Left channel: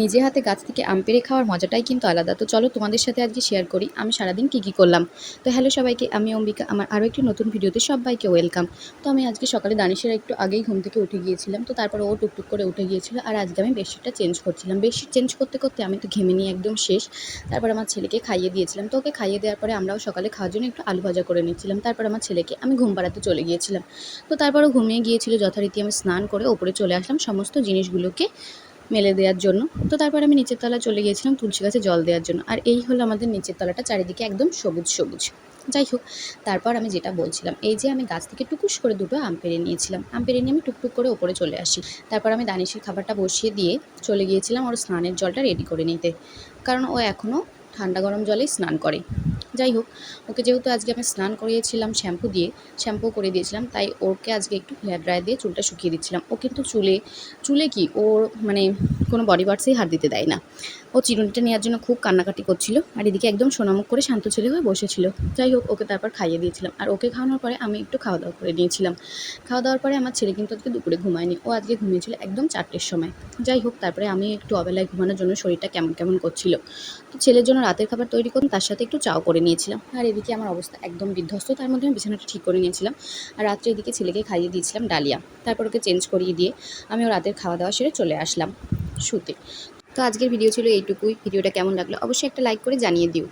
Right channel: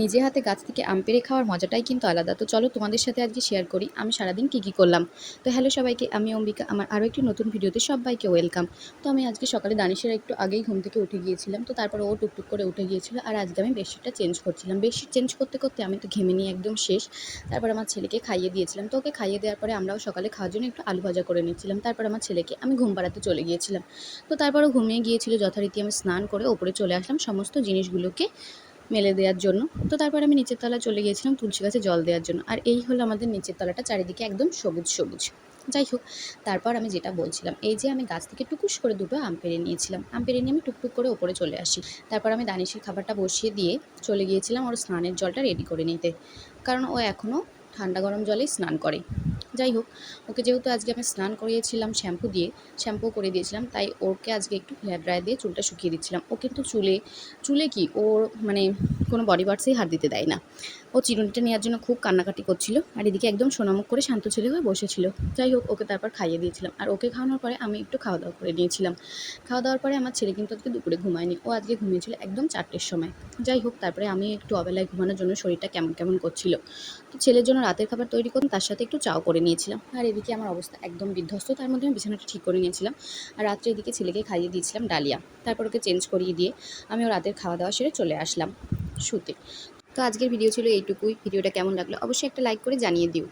নিজে হাতে গাছ থেকে আম পেড়ে খাওয়ার মজাটাই কিন্তু আলাদা। তো চলো তোমাদের সাথে আজকে শেয়ার করি আমি সারাদিন কী করলাম। তো হ্যালো সবাইকে, আমি অম্বিকা। আমার আরও একটি নতুন ভিডিওতে সবাইকে ওয়েলকাম। তো আমি আজকে সকালে দানিশের একটু আগেই ঘুম থেকে উঠে গিয়েছিলাম। তো তারপরে ও টুকটুক করে উঠে গিয়েছিল, আর আজকে আমি বেডশিটটা চেঞ্জ করছিলাম। বেডশিট চেঞ্জ করতে করতে আমি তো ঘেমে নিয়ে একদম শেষ। তারপর আমার ছেলেকে খাইয়ে দিয়েছিলাম। তো ওকে খাইয়ে দেওয়ার পরে আমরাও সকালে খাওয়ার জন্য একটু আলু ভাজা করে নিচ্ছিলাম। তারপর আমার ছেলেকে আমি ঘুম পাড়াতে চলে গিয়েছিলাম। তো তারপরও ঘুমিয়ে গিয়েছিল, যথারীতি আমি স্নান করে ওপরে চলে আসলাম সমস্ত জিনিসগুলোকে মেলে দেওয়ার জন্য। তো তারপর আমি নিচের তলায় চলে গিয়েছিলাম তুলসী গাছে জল দেওয়ার জন্য। আর এই হলো আমাদের নিচের তলাটা, চারিদিকে একদম সবুজ সবুজ। যাই হোক, তারপর আমি যেটা বলছিলাম, এই যে আমি গাছ থেকে টুকুস করে দুটো আম পেড়ে নিয়েছিলাম। আম পেড়ে নিয়ে আমি টুকটুক করে ওপরে চলে আসি। তারপর আমি দানিশের খাবারটা বসিয়ে দিয়ে চলে গিয়েছিলাম ওর স্নানের জলটা রেডি করে নিতে, কারণ ও এখনও ঠান্ডা গরম জলেই স্নান করে। যাই হোক, ওকে যেহেতু আজকে আমি স্নান করিয়েছিলাম শ্যাম্পু দিয়ে, শ্যাম্পু করে দিয়েছিলাম, তাই ওকে আজকে একটু হেয়ার ড্রায়ার দিয়ে চুলটা শুকিয়ে দিচ্ছিলাম। ও কিন্তু চুলে চুলে কি ওর মানে কোনো বডি পার্টসেই হাত দিতে দেয় না। ও চিরুনিটা নেওয়ার জন্য খুব কান্নাকাটি করছিল, আর এদিকে একদম সোনামুখ করে শান্ত ছেলে হয়ে বসেছিল। যাই হোক, ওকে তারপর খাইয়ে দিয়েছিলাম, আর ওকে খাওয়ানোর পরে আমি একটু খাওয়া দাওয়া করে নিয়েছিলাম। খাওয়া দাওয়ার পরে আমার ছেলে কিন্তু আজকে দুপুরে ঘুমায়নি, ও আজকে ঘুমিয়েছিল একদম 4টের সময়। যাই হোক, তারপরে আমি একটু অবেলায় ঘুমানোর জন্য শরীরটা কেমন কেমন করছিল, তো ছেলের জন্য রাতের খাবার তৈরি করুন, তার সাথে একটু চাও করে নিয়েছিলাম। আর এদিকে আমার অবস্থা একদম বিধ্বস্ত, তার মধ্যে আমি বিছানাটা ঠিক করে নিয়েছিলাম। আর রাত্রে এদিকে ছেলেকে খাইয়ে দিয়েছিলাম ডালিয়া। তারপর ওকে চেঞ্জ করিয়ে দিয়ে আমিও রাতের খাওয়া দাওয়া সেরে চলে আসলাম শুতে। তো আজকের ভিডিও ছিল এইটুকুই। ভিডিওটা কেমন লাগলো অবশ্যই একটা লাইক করে জানিয়ে দিও।